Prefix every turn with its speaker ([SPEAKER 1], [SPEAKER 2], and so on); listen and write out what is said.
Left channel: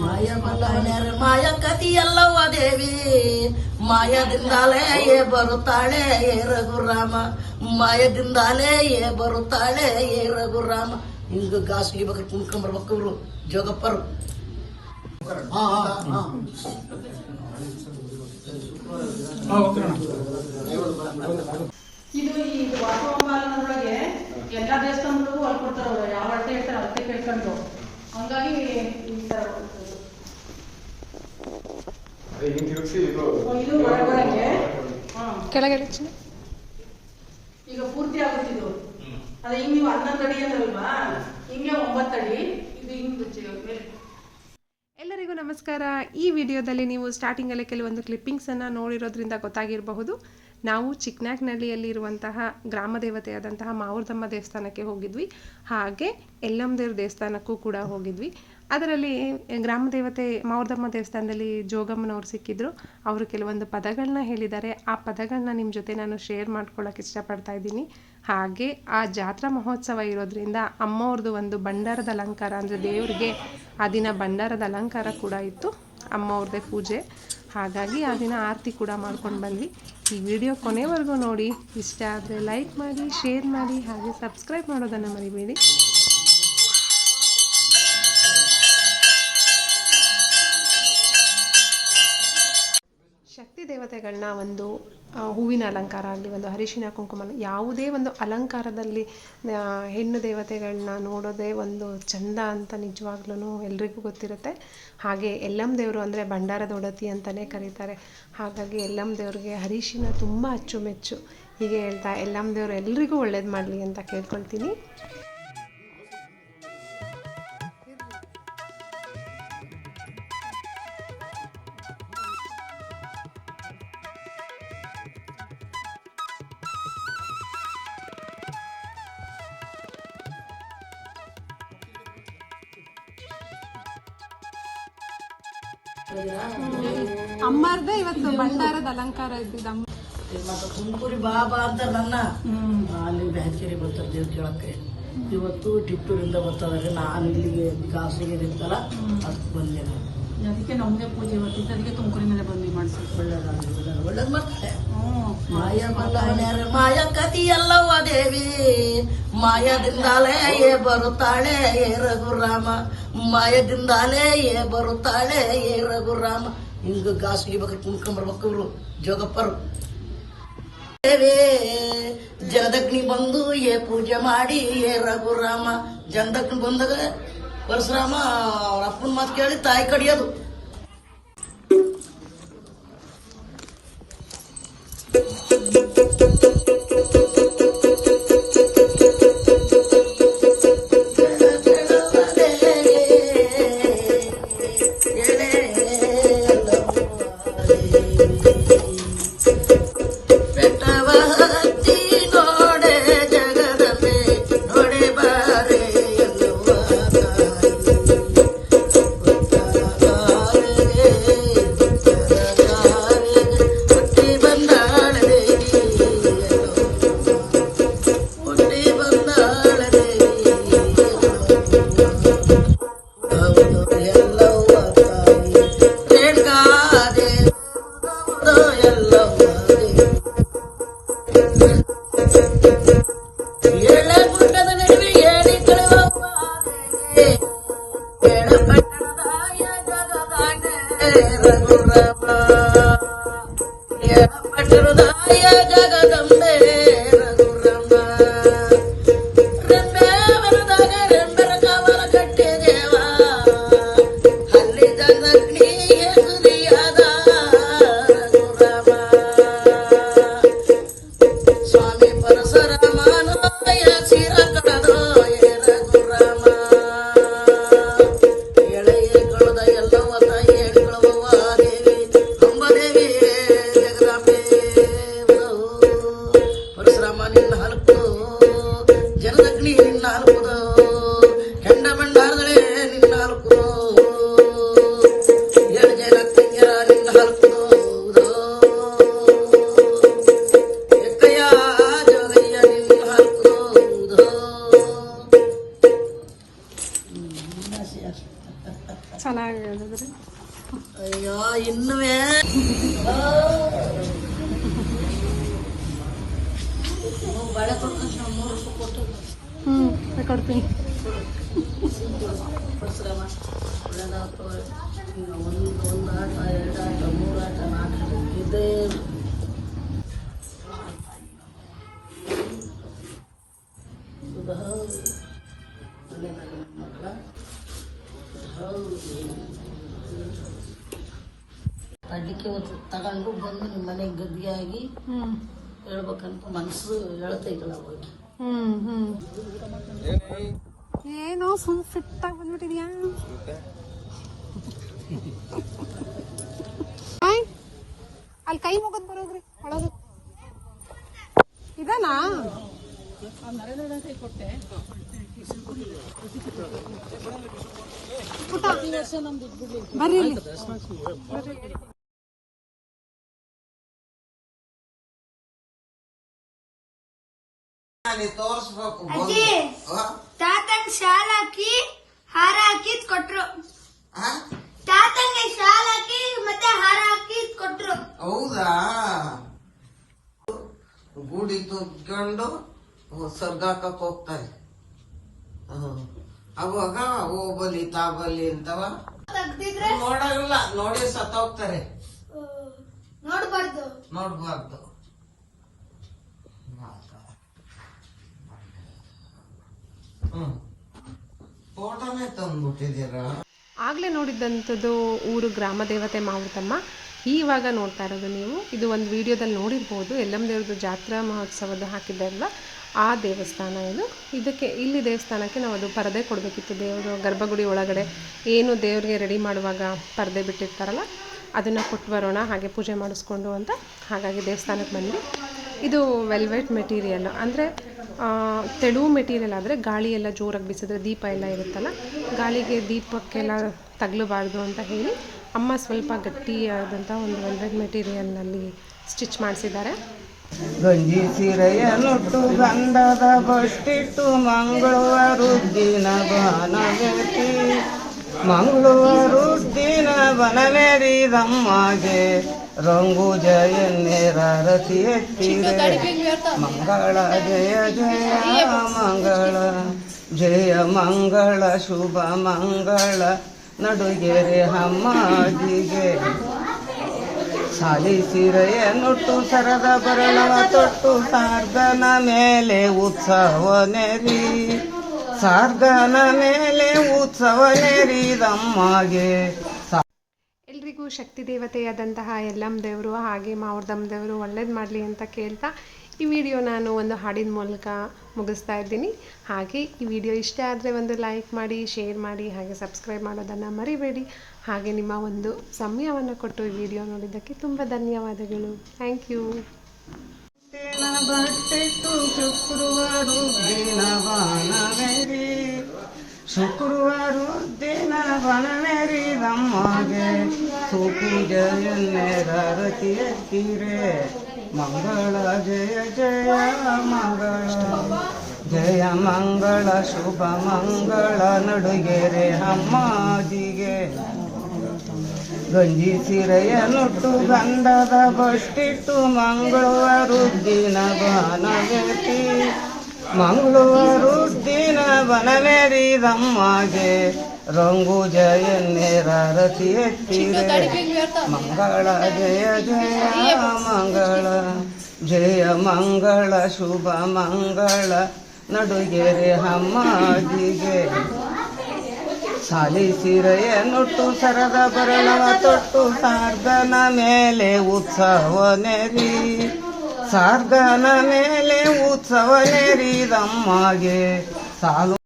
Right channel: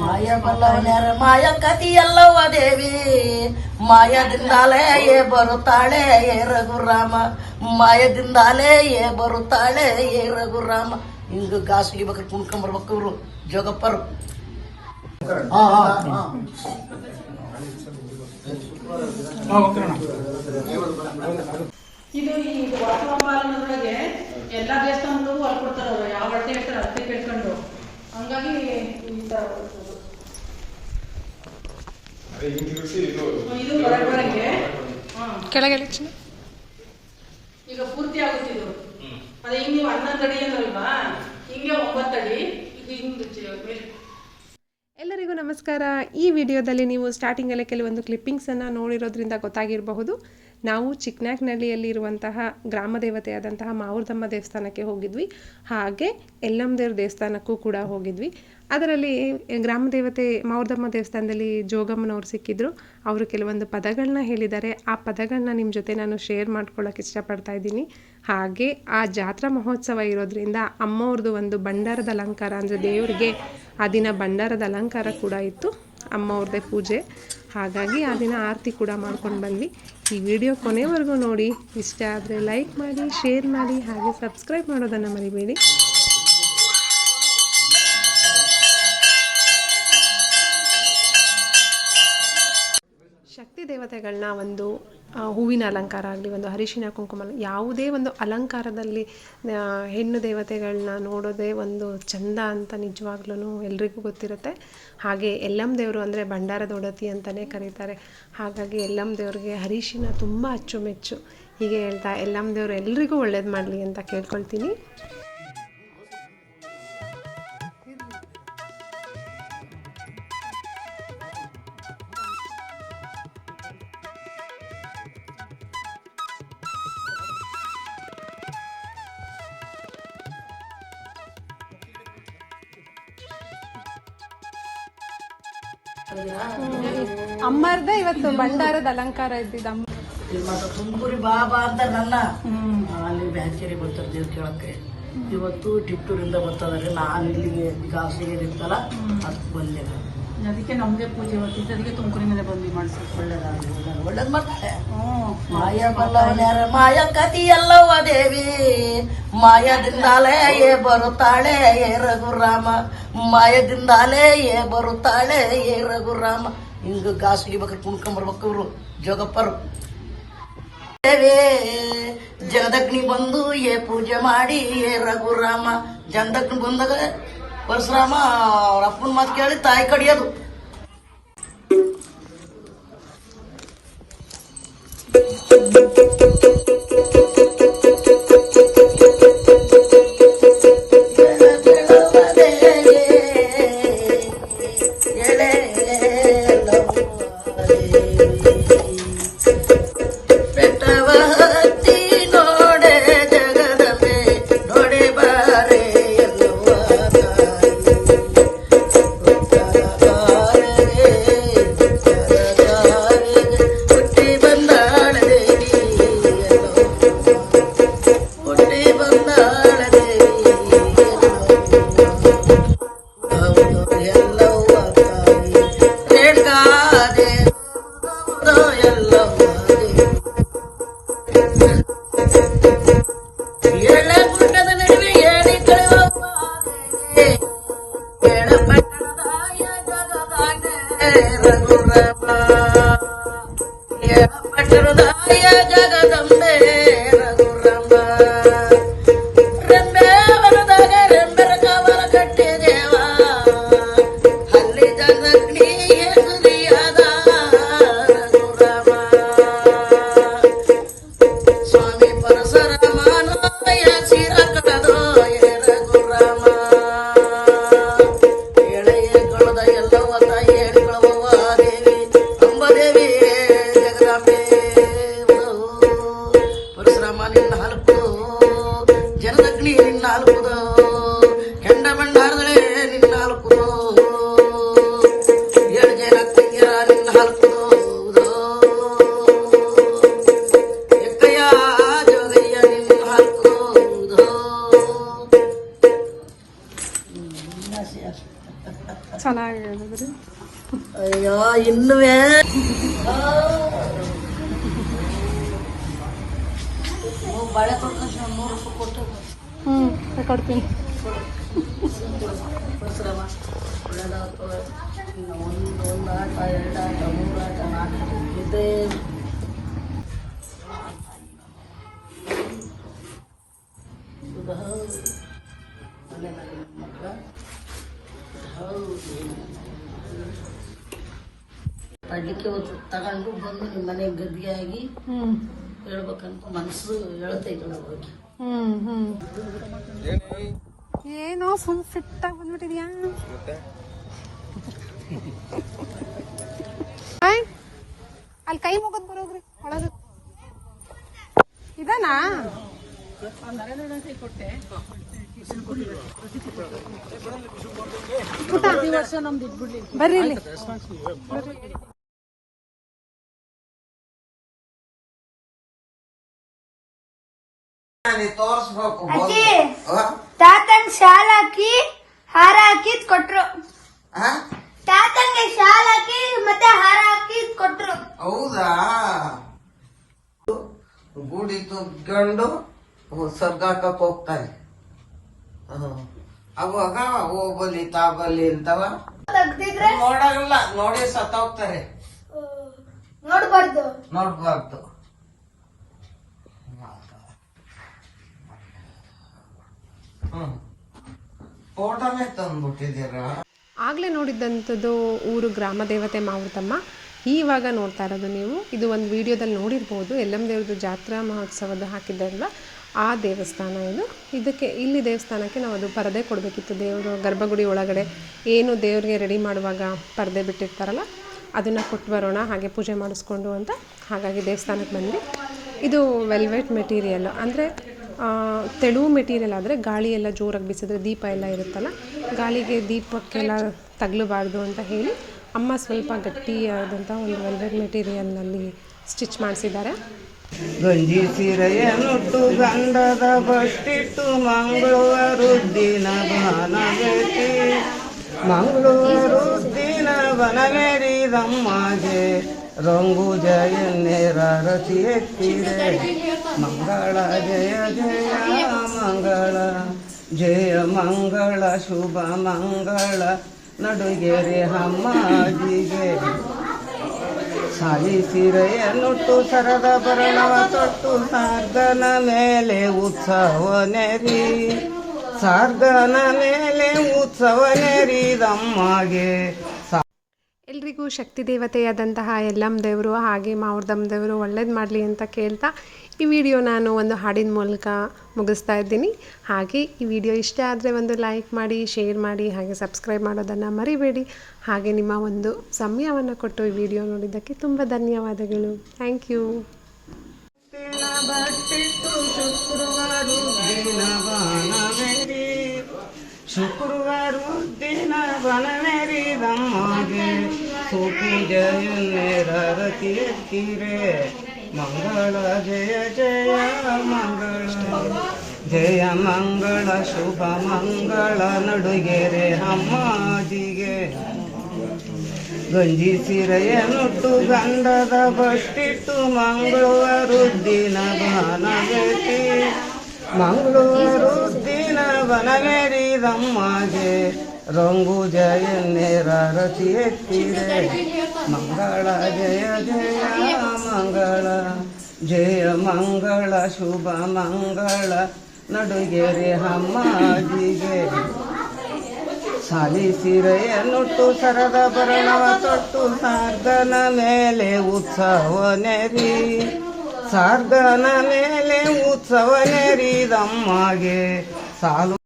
[SPEAKER 1] ಮಾಯ ಬಲ್ಲವನ್ಯಾರ ಮಾಯ ಕತಿಯಲ್ಲವ ದೇವಿ ಮಾಯದಿಂದಾಲೇ ಏ ಬರುತ್ತಾಳೆ ಏ ರಘುರಾಮ ಮಾಯದಿಂದಾಲೇ ಏ ಬರುತ್ತಾಳೆ ಏ ರಘುರಾಮ ಹಿಂಗ ಗಾಸಿಗೆ ಬೇಕು ಕುಣ್ಕೊಂಬರ್ಬೇಕು ಇವ್ರು ಜೋಗಪ್ಪರು ಹಾ ಹಾ ಹಾ
[SPEAKER 2] ಇದು
[SPEAKER 3] ಕೆಳಗೆ
[SPEAKER 2] ಈಗ ಪೂರ್ತಿ ಆಗುತ್ತೆ ಇದು. ಅದೇ ಹಿಂಗ್ ನೀವು ಹನ್ನೊಂದು ಅಡಿ ಅಂದ್ರಲ್ವಾ? ಹಿಂಗೆ ಒಂಬತ್ತು ಅಡಿ. ಇದು ಹಿಂಗ್
[SPEAKER 3] ಎಲ್ಲರಿಗೂ ನಮಸ್ಕಾರ. ಈ ವಿಡಿಯೋದಲ್ಲಿ ನೀವು ಸ್ಟಾರ್ಟಿಂಗಲ್ಲೇ ಕೆಲವೊಂದು ಕ್ಲಿಪ್ಪಿಂಗ್ಸನ್ನು ನೋಡಿರೋದ್ರಿಂದ ಗೊತ್ತಾಗಿರಬಹುದು. ನಾವು ಚಿಕ್ಕನಾಗ್ನಹಳ್ಳಿಯಲ್ಲಿರುವಂತಹ ಗ್ರಾಮ ದೇವತೆಯಾದಂತಹ ಮಾವೂರ್ದಮ್ಮ ದೇವಸ್ಥಾನಕ್ಕೆ ಹೋಗಿದ್ವಿ. ಹಾಗೆ ಎಲ್ಲಮ್ಮದೇವ್ರ ದೇವಸ್ಥಾನಕ್ಕೂ ಕೂಡ ಹೋಗಿದ್ವಿ. ಅದರಲ್ಲಿ ಗ್ರಾಮ ದೇವತೆ ಮಾವುರ್ದಮ್ಮ ದೇವಸ್ಥಾನದಲ್ಲಿ ಜೋಗಮ್ಮನವ್ರು ಸಿಕ್ಕಿದ್ರು. ಅವರು ಕೆಲವೊಂದು ಪದಗಳನ್ನ ಹೇಳಿದ್ದಾರೆ. ಆ ಪದಗಳನ್ನ ನಿಮ್ಮ ಜೊತೆ ನಾನು ಶೇರ್ ಮಾಡ್ಕೊಳ್ಳೋಕೆ ಇಷ್ಟಪಡ್ತಾ ಇದ್ದೀನಿ. ಹಾಗೆ ಆ ಜಾತ್ರಾ ಮಹೋತ್ಸವ ಇರೋದ್ರಿಂದ ಅಮ್ಮವ್ರದ್ದು ಒಂದು ಭಂಡಾರದ ಅಲಂಕಾರ ಅಂದರೆ ದೇವರಿಗೆ ಆ ದಿನ ಭಂಡಾರದ ಅಲಂಕಾರ ಕೂಡ ಇತ್ತು. ಅಮ್ಮವ್ರದ್ದೇ ಪೂಜೆ. ಹಾಗಾಗಿ ಆ ದಿನ ಆರತಿ ಕೂಡ ಮಾಡ್ಕೊಂಡು ಬಂದ್ವಿ. ಈ ವಿಡಿಯೋ ಕೊನೆವರೆಗೂ ನೋಡಿ. ಇಷ್ಟ ಆದರೆ ಲೈಕ್ ಮಾಡಿ ಶೇರ್ ಮಾಡಿ, ಹಾಗೆ ಸಬ್ಸ್ಕ್ರೈಬ್ ಮಾಡೋದನ್ನು ಮರಿಬೇಡಿ. ದೇವತೆಗಳನ್ನ ಒಂದು ಹೂವಿನ ಅಲಂಕಾರ ಆಗಲಿ, ಒಂದು ಅರಿಶಿನ ಕುಂಕುಮ ಯಾವುದೇ ಒಂದು ಅಲಂಕಾರದಲ್ಲಿ ಹೆಣ್ಣು ದೇವತೆಗಳನ್ನ ನೋಡೋದೇ ಒಂದು ಚಂದ ಅಂತ ನಿಜವಾಗ್ಲೂ ಎಲ್ರಿಗೂ ಗೊತ್ತಿರುತ್ತೆ. ಹಾಗೆ ಎಲ್ಲಮ್ಮ ದೇವರು ಅಂದರೆ ಭಂಡಾರದ ಒಡತಿ ಅಂತಲೇ ಕರೀತಾರೆ. ಹಾಗಾಗಿ ಎಲ್ಲಮ್ಮ ದೇವ್ರಿಗೆ ಅರಿಶಿನ ತುಂಬ ಅಚ್ಚುಮೆಚ್ಚು. ಹೀಗೆ ಹೇಳ್ತಾ ಎಲ್ಲಮ್ಮ ದೇವರು ಎಲ್ರಿಗೂ ಒಳ್ಳೇದು ಮಾಡಲಿ ಅಂತ ಕೇಳ್ಕೊಳ್ತೀನಿ. ಅಮ್ಮರ್ದೇ ಇವತ್ತು ಭಂಡಾರದ ಅಲಂಕಾರ ಇದ್ದಿದ್ದು ಅಮ್ಮ.
[SPEAKER 1] ಮತ್ತೆ ತುಮಕೂರಿ ಬಾಬಾ ಬಾ ಅಂತ ನನ್ನ ಅಲ್ಲಿ ಬ್ಯಾಂಕೇರಿ ಬರ್ತಾರೆ ನೀವು ಕೇಳಕ್ಕೆ. ಇವತ್ತು ಟಿಪ್ಪೂರಿಂದ ಬರ್ತಾರೆ. ನಾನು ಇಲ್ಲಿಗೆ ಗಾಸಿಗೆ ನಿಂತಲ್ಲ ಅಷ್ಟು ಬಂದಿಲ್ಲ
[SPEAKER 2] ಅದಕ್ಕೆ ನಮ್ಗೆ ಪೂಜೆ ಇವತ್ತು ಇದರಿಗೆ ತುಮಕೂರಿನಲ್ಲೇ ಬಂದು ಮಾಡಿಸಿ
[SPEAKER 1] ಒಳ್ಳೇದಾಗಲಿ ಒಳ್ಳೇದು ಮಾಯ ದೇವಿ. ಮಾಯದಿಂದಾಲೇ ಏ ಬರುತ್ತಾಳೆ ಏ ರಘುರಾಮ. ಮಾಯದಿಂದಾಲೇ ಏ ಬರುತ್ತಾಳೆ ಏ ರಘುರಾಮ. ಹಿಂಗ ಗಾಸಿಗೆ ಬೇಕು ಕುಣ್ಕೊಂಬರ್ಬೇಕು ಇವ್ರು. ಜೋಗಪ್ಪರು. ದೇವೇ ಜಗದಗ್ನಿ ಬಂದು ಏ ಪೂಜೆ ಮಾಡಿ ಏ ರಘುರಾಮ. ಜನದಗ್ನಿ ಬಂದಾಗ ಪರಶುರಾಮ ಅವ್ರ ಅಪ್ಪನ ಮಾತು ಕೇಳಿ ತಾಯಿ ಕಡಿಯೋದು. ಬೆಟ್ಟವತ್ತಿ Bye. ಇನ್ನುವೇ
[SPEAKER 3] ಹ್ಮ್ ಕೊಡ್ತೀನಿ
[SPEAKER 1] ಒಂದು ಆಟ ಎರಡು ಆಟ ಮೂರು ಆಟ ನಾಲ್ಕು ಇದು ಅಡಿಕೆ ಒಂದು ತಗೊಂಡು ಬಂದು ನಿಮ್ಮ ಮನೆಗೆ ಗದ್ದಿಯಾಗಿ
[SPEAKER 3] ಹ್ಮ್.
[SPEAKER 1] ಹೇಳ್ಬೇಕಂತ ಮನಸ್ಸು
[SPEAKER 3] ಹ್ಮ್ ಹ್ಮ್. ಏನೋ ಫುಲ್ ಫಿಟ್ ಆಗಿ ಬಂದ್ಬಿಟ್ಟಿದ್ಯಾ? ಅಲ್ಲಿ ಕೈ ಮುಗದ್ ಬರೋದ್ರಿ ಒಳಗೆ. ಇದಾನಾ? ಬರ್ರಿ ಇಲ್ಲಿ.
[SPEAKER 4] ಅಜ್ಜಿ ತಾತಂಗ್ ಶಾಲ್ ಹಾಕಿ ಹಾರ ಹಾಕಿ ಕೊಟ್ರು. ತಾತಂಗೆ ಶಾಲ್ ಹಾಕಿ ಮತ್ತೆ ಹಾರ ಹಾಕಿ ಕೊಟ್ರು.
[SPEAKER 5] ಹೌದಾ? ಗುಡಿ ತುಗ್ಕೊಂಡು ಸರ್ಗಾಕಕ್ ಹೋಗ್ತಾರೆ. ಅವಾಗ ಹೋಗಲಿ ತಾಬಲಿ ಅಂತವ. ನೋಡಲ್ಲ ನೋಡಿ ಸತ್ತೋಗ್ತಾರೆ.
[SPEAKER 4] ನೋಡ್ಬಾರ್ದು.
[SPEAKER 5] ನೋಡ್ಬಾರ್ದು. ತಂದ್ಬಿಟ್ಟಿದ್ದೀರ
[SPEAKER 3] ಆಗಲೇ ನೋಡಿದ್ದಂಥದ್ದು ಊರು ಗ್ರಾಮ ದೇವತೆ ಮಾವುತಮ್ಮ. ಈವಾಗ ನೋಡ್ತಾ ಇರೋದು ನೀವು. ಇದು ಒಂದು ವಿಡಿಯೋದಲ್ಲಿ ನೋಡಿರ್ಬೋದು. ಎಲ್ಲಮ್ಮ ದೇವ್ರದ್ದು ಜಾತ್ರಾ ಮಹೋತ್ಸವದ ಹಾಕಿದ್ದಲ್ವ ಆ ದೇವಸ್ಥಾನ ಇದು. ಇದಕ್ಕೆ ಇಲ್ಲಿ ದೇವಸ್ಥಾನಕ್ಕೆ ನಾವು ಅದು ಪರದೆ ಕೊಡಬೇಕಿತ್ತು. ದೇವರು ಗರ್ಭಗುಡಿ ಒಳಗಡೆ ಏನು ದೇವರಿಗೆ ರೆಡಿ ಮಾಡುವಾಗ ಪರದೆ ಬಿಟ್ಟಿರ್ತಾರಲ್ಲ, ಅದನ್ನು ಕೊಟ್ಟು ಬರೋಣ, ಹಾಗೆ ಪೂಜೆ ಮಾಡಿಸ್ಕೊಂಡು ಅಂತ ಹಾಗಾಗಿ ದೇವಸ್ಥಾನಕ್ಕೆ ಬಂದ್ವಿ. ಇದು ವೆಲ್ವೆಟ್ ಮೆಟೀರಿಯಲ್ ಅಂದರೆ ತೆಳುವು ಮೆಟೀರಿಯಲ್ ಆದರೆ ಗಾಳಿ ಎಲ್ಲ ಜೋರಾಗಿ ಬಿಸಿದ್ರೆ ದೀಪ ಎಲ್ಲ ಇರುತ್ತಲ್ಲ, ಗಾಳಿಗೆ ದೀಪಕ್ಕೆಲ್ಲ ತಗಲಬಾರ್ದು ಅಂತ ಹೇಳಿ ಅಮ್ಮ ಸ್ವಲ್ಪ ಗಟ್ಟಿಯಾದಂಥ ಒಂದು ವೆಲ್ವೆಟ್ ಮೆಟೀರಿಯಲ್ನಲ್ಲಿ ಸ್ಟಿಚ್ ಮಾಡಿಸಿದ್ದಾರೆ.
[SPEAKER 5] ಗಂಜಿ ಗಂಡದ ಬಷ್ಟಿಟ್ಟು ಮಂಗಳವಾರುದ್ದಿನ ಬನವೇತಿ ಮಂಗಳವಾರುದ್ದಿನ ಬನವೇರಿದಮ್ಮಗೆ ರಂಗು ಜಯನ್ನೇರ ರತಿ ಎತ್ತಿರೆ ಮಂಗಳ ಜಯ ಜಯ ಮಂಗಳ ಜಯ ಮಂಗಳ ಶುಭ ಮಂಗಳ. ನಡುಗೆರೆ ಹಮ್ಮಾಜಿಗೆ ಸಾಲಿ ಸೀರೆಯನ್ನುಟ್ಟು ಸರದ ಬರಣವ ತೊಟ್ಟು ಸಾರ್ಗನ ಮೇಲೆ ಉತ್ಸವ ನೆರಿ. ಸಾರ್ಗನ ಮೇಲೆ ಉತ್ಸವ ನೆರಿದಮ್ಮಗೆ
[SPEAKER 3] ಶಕ್ತಿ ದೇವತೆಯಾದಂತಹ ಎಲ್ಲಮ್ ದೇವರು, ಹಾಗೆ ಮಾವ್ರದಮ್ಮ ದೇವರು ಒಳ್ಳೇದು ಮಾಡಲಿ ಅಂತ ಕೇಳ್ತಾ ಈ ವಿಡಿಯೋ ನಾನು ಒಂದು ಹಾಡಿನ ಮೂಲಕ ಮುಗಿಸ್ತಾ ಇದ್ದೀನಿ. ಹಾಗೆ ಈ ವಿಡಿಯೋ ಇಷ್ಟ ಆದರೆ ಒಂದು ಲೈಕ್ ಮಾಡಿ, ಶೇರ್ ಮಾಡಿ, ಹಾಗೆ ಸಬ್ಸ್ಕ್ರೈಬ್ ಮಾಡೋದನ್ನು ಮರಿಬೇಡಿ. ಹಾಗೆ ನಿಮ್ಮ ಒಂದು ಸಮಯವನ್ನು ಕೊಟ್ಟು ಈ ವಿಡಿಯೋ ನೋಡಿದ್ದಕ್ಕೆ ತುಂಬ ಧನ್ಯವಾದಗಳು. ಥ್ಯಾಂಕ್ ಯು
[SPEAKER 5] ಶುಕ್ರವಾರ ದಿನ ಬಾಣವೇರಿ ಶುಕ್ರವಾರ ದಿನ ಜಯ ದಮ್ಮಗೆ ರತಿ ಎತ್ತಿರೆ. ಮಂಗಳ ಜಯ ಜಯ ಮಂಗಳ. ಜಯ ಮಂಗಳ, ಶುಭ ಮಂಗಳ ನಡುಗೆರೆ ಅಮ್ಮಾಜಿಗೆ. ಗಂಜಿ ಸಿರೆಯ ನುಟ್ಟು ಗಂಡದ ಬಷ್ಟಿಟ್ಟು ಮಂಗಳವಾರುದ್ದಿನ ಬನವೇತಿ ಮಂಗಳವಾರುದ್ದಿನ ಬನವೇರಿದಮ್ಮಗೆ ರಂಗು ಜಯ ನೇರ ರಥಿ ಎತ್ತಿರ. ಮಂಗಳ ಜಯ ಜಯ ಮಂಗಳ ಜಯ ಮಂಗಳ ಶುಭ ಮಂಗಳ. ನಡುಗೆರೆ ಹಮ್ಮಿಗೆ ಸಾಲಿಸಿರೆಯ ನುಟ್ಟು ಸರದ ಬರಣವ ತೊಟ್ಟು ಸಾರ್ಧನ ಮೇಲೆ ಉತ್ಸವ ನೆರಿ. ಸಾರ್ಧನ ಮೇಲೆ ಉತ್ಸವ ನೆರಿದಮ್ಮಗೆ ಸಾಲು